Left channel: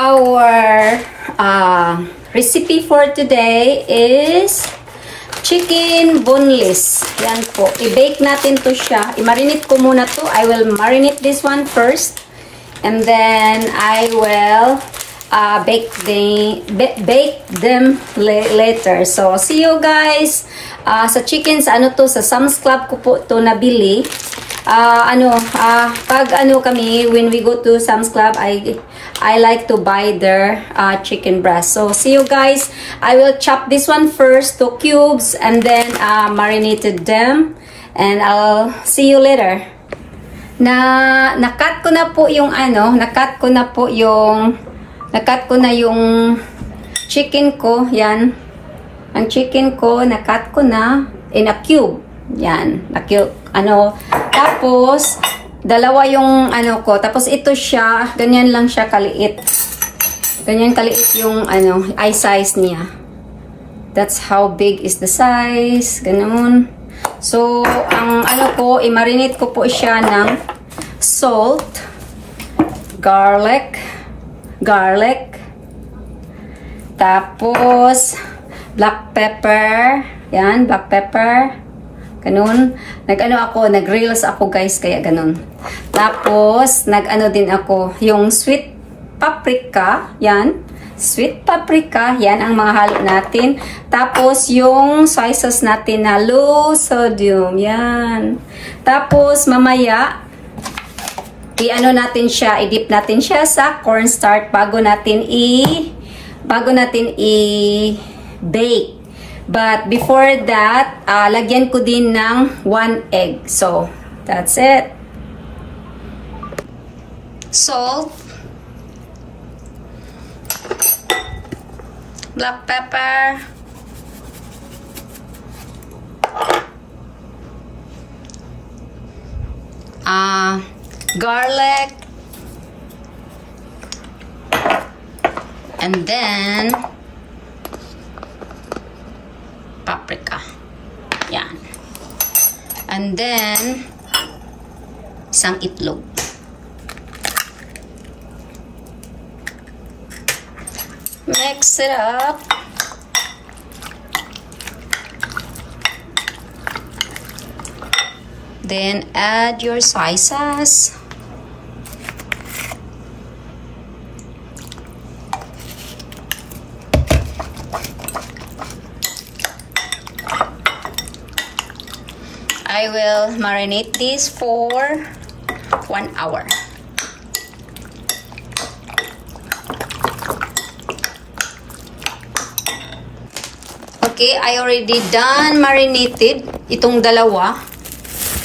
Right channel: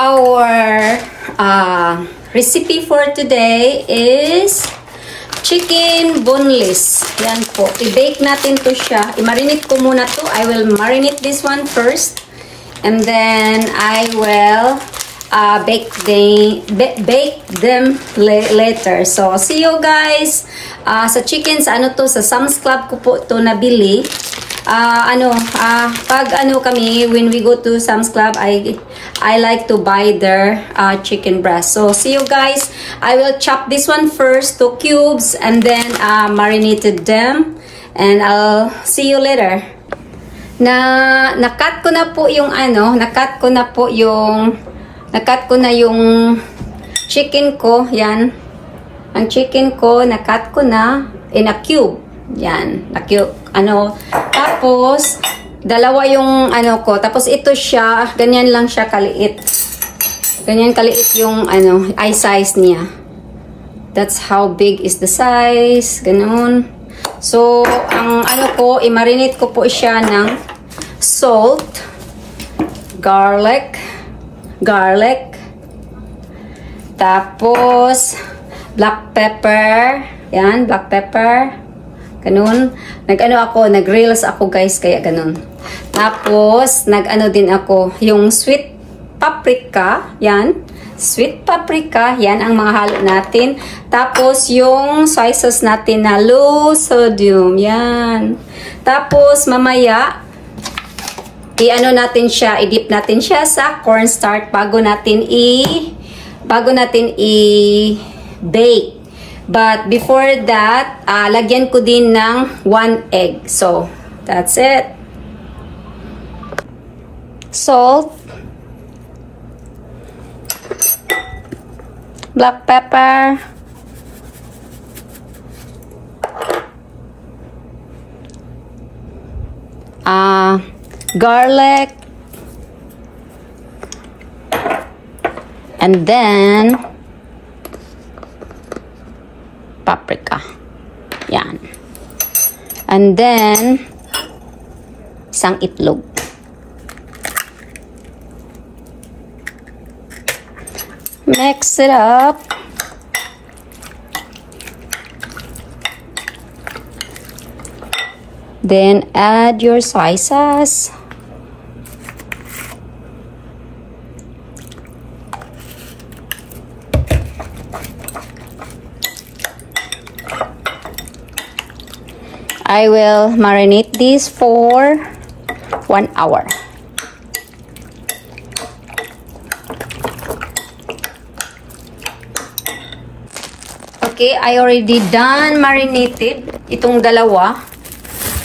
Our recipe for today is chicken boneless. Yan po. I-bake natin to siya. I-marinate ko muna to. I will marinate this one first. And then I will bake them later. So, see you guys. Sa chicken, sa ano to, sa Sam's Club ko po to nabili. Kami, when we go to Sam's Club, I like to buy their chicken breast. So, see you guys. I will chop this one first to cubes and then marinated them. And I'll see you later. Nakat ko na po yung nakat ko na yung chicken ko. Yan. Ang chicken ko, nakat ko na in a cube. Yan. Tapos, dalawa yung ko. Tapos ito siya, ganyan lang siya kaliit. Ganyan kaliit yung eye size niya. That's how big is the size. Ganun. So, ang i-marinate ko po siya ng salt, garlic, tapos black pepper. Yan, black pepper. Ganun. Nag-grills ako guys, kaya ganun. Tapos, din ako, yung sweet paprika. Yan. Sweet paprika. Yan ang mga halo natin. Tapos, yung soy sauce natin na low sodium. Yan. Tapos, mamaya, i-dip natin siya sa cornstarch bago natin i-bake. But before that, lagyan ko din ng 1 egg. So, that's it. Salt. Black pepper. Garlic. And then paprika. Yan. And then isang itlog. Mix it up. Then add your soy sauce. I will marinate this for 1 hour. Okay, I already done marinated itong dalawa.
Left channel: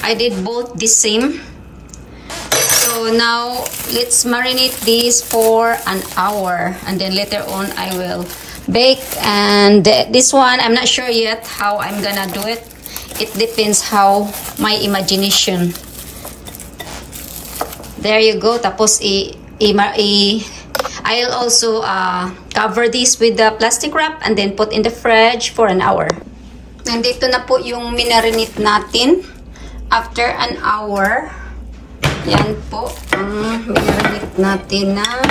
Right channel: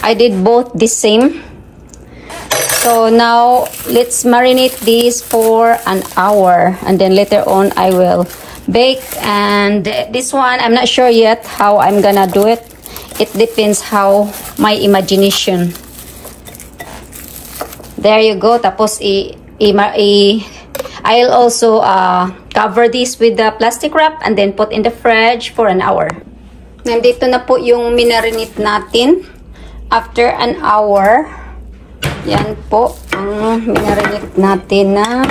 I did both the same. So now let's marinate this for 1 hour, and then later on I will bake. And this one, I'm not sure yet how I'm gonna do it. It depends how my imagination. There you go. Tapos I'll also cover this with the plastic wrap and then put in the fridge for 1 hour. Nandito na po yung minarinate natin. After 1 hour, yan po ang minarinate natin na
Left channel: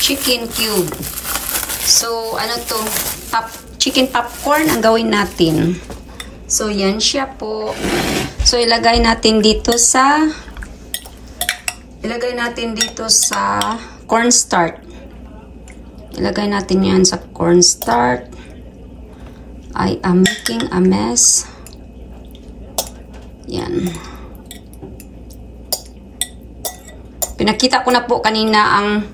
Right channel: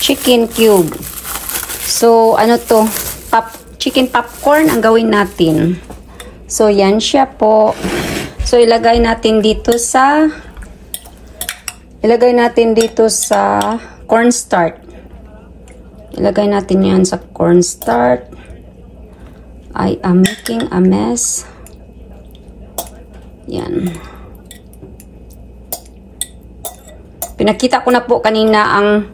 chicken cube. So, chicken popcorn ang gawin natin. So, yan siya po. So, ilagay natin dito sa cornstarch. Ilagay natin yan sa cornstarch. I am making a mess. Yan. Pinakita ko na po kanina ang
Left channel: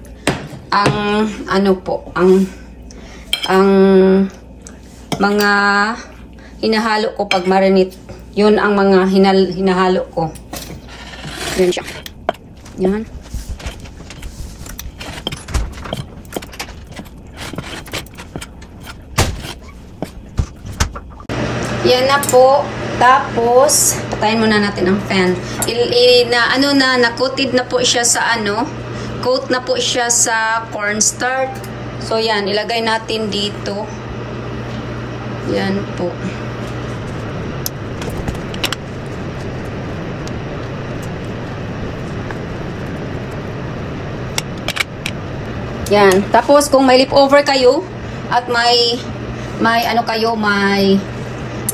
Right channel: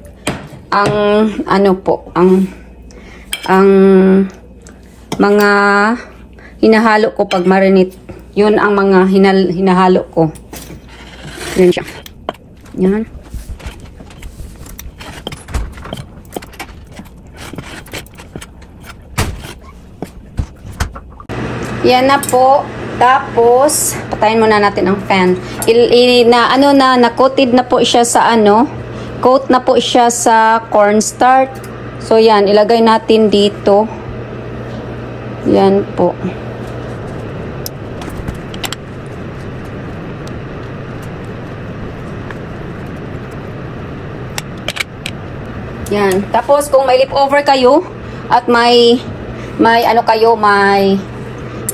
mga hinahalo ko pag marinate. Yun ang mga hinahalo ko. Yan siya. Yan. Yan na po. Tapos, patayin muna natin ang fan. Na-coated na po siya sa coat na po siya sa cornstarch. So, yan. Ilagay natin dito. Yan po. Yan. Tapos kung may leftover kayo at may ano kayo, may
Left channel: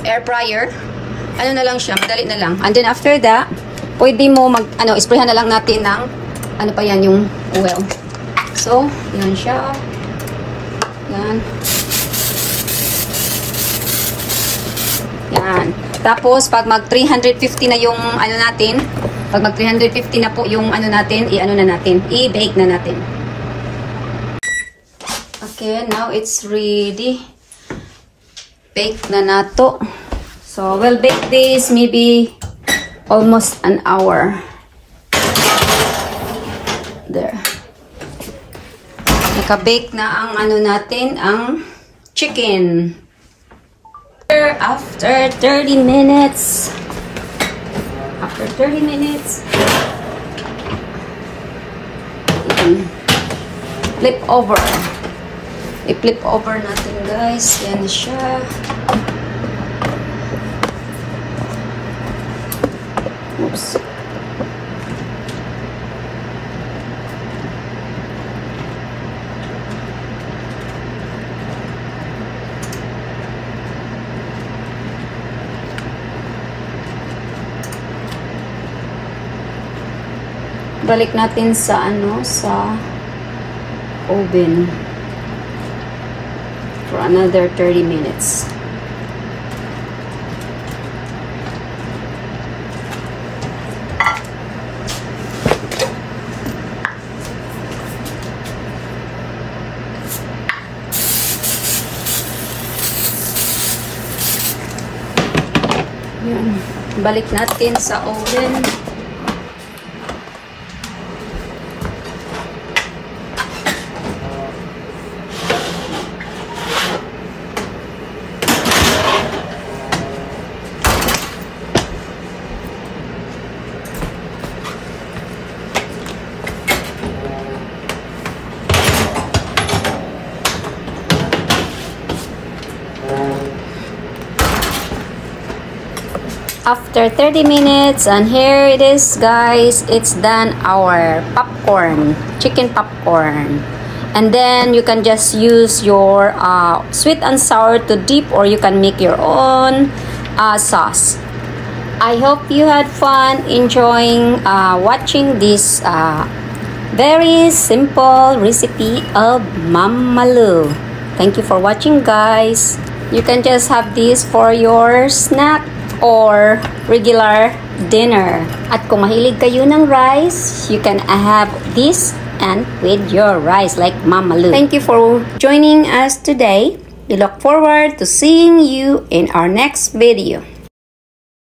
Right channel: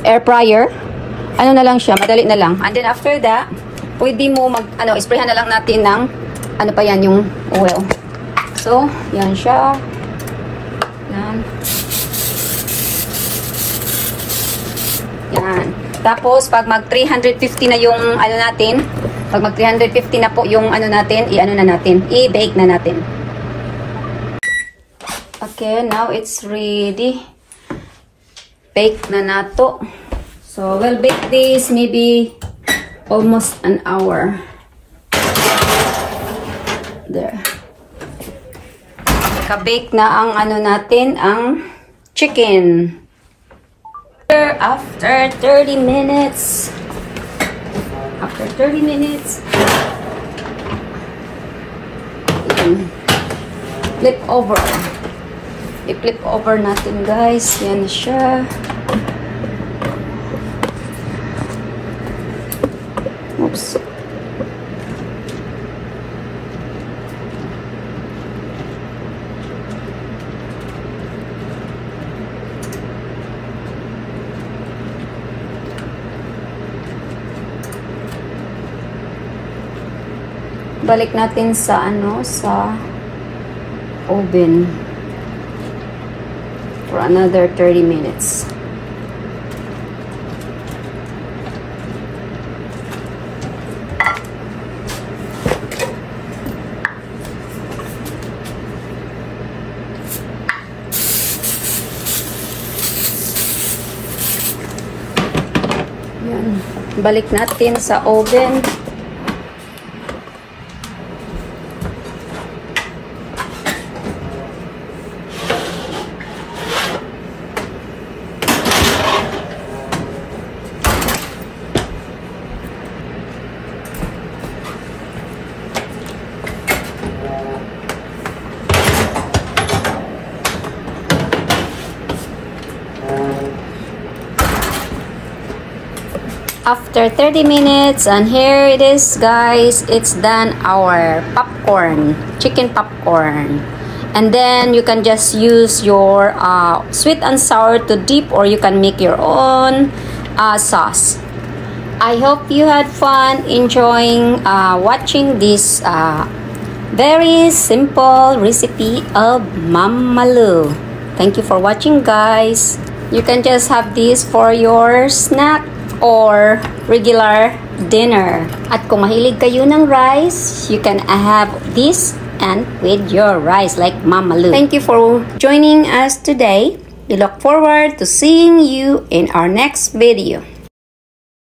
air fryer, ano na lang siya, madali na lang. And then after that, pwede mo sprayhan na lang natin ng ano pa yan, yung oil. So, yan siya. Yan. Yan. Tapos, pag mag 350 na yung ano natin, pag mag 350 na po yung ano natin, i-bake na natin. Okay, now it's ready. Bake na nato. So, we'll bake this maybe almost an hour. There. Naka-bake na ang ano natin, ang chicken. After 30 minutes. After 30 minutes. Flip over. I-flip over natin, guys. Yan siya. Oops. Balik natin sa sa oven for another 30 minutes. Yan. Balik natin sa oven. After 30 minutes, and here it is, guys. It's done, our popcorn, chicken popcorn. And then you can just use your sweet and sour to dip, or you can make your own sauce. I hope you had fun enjoying watching this very simple recipe of Mama Lu. Thank you for watching, guys. You can just have this for your snack or regular dinner. At kung mahilig kayo ng rice, you can have this and with your rice like Mama Lu. Thank you for joining us today. We look forward to seeing you in our next video.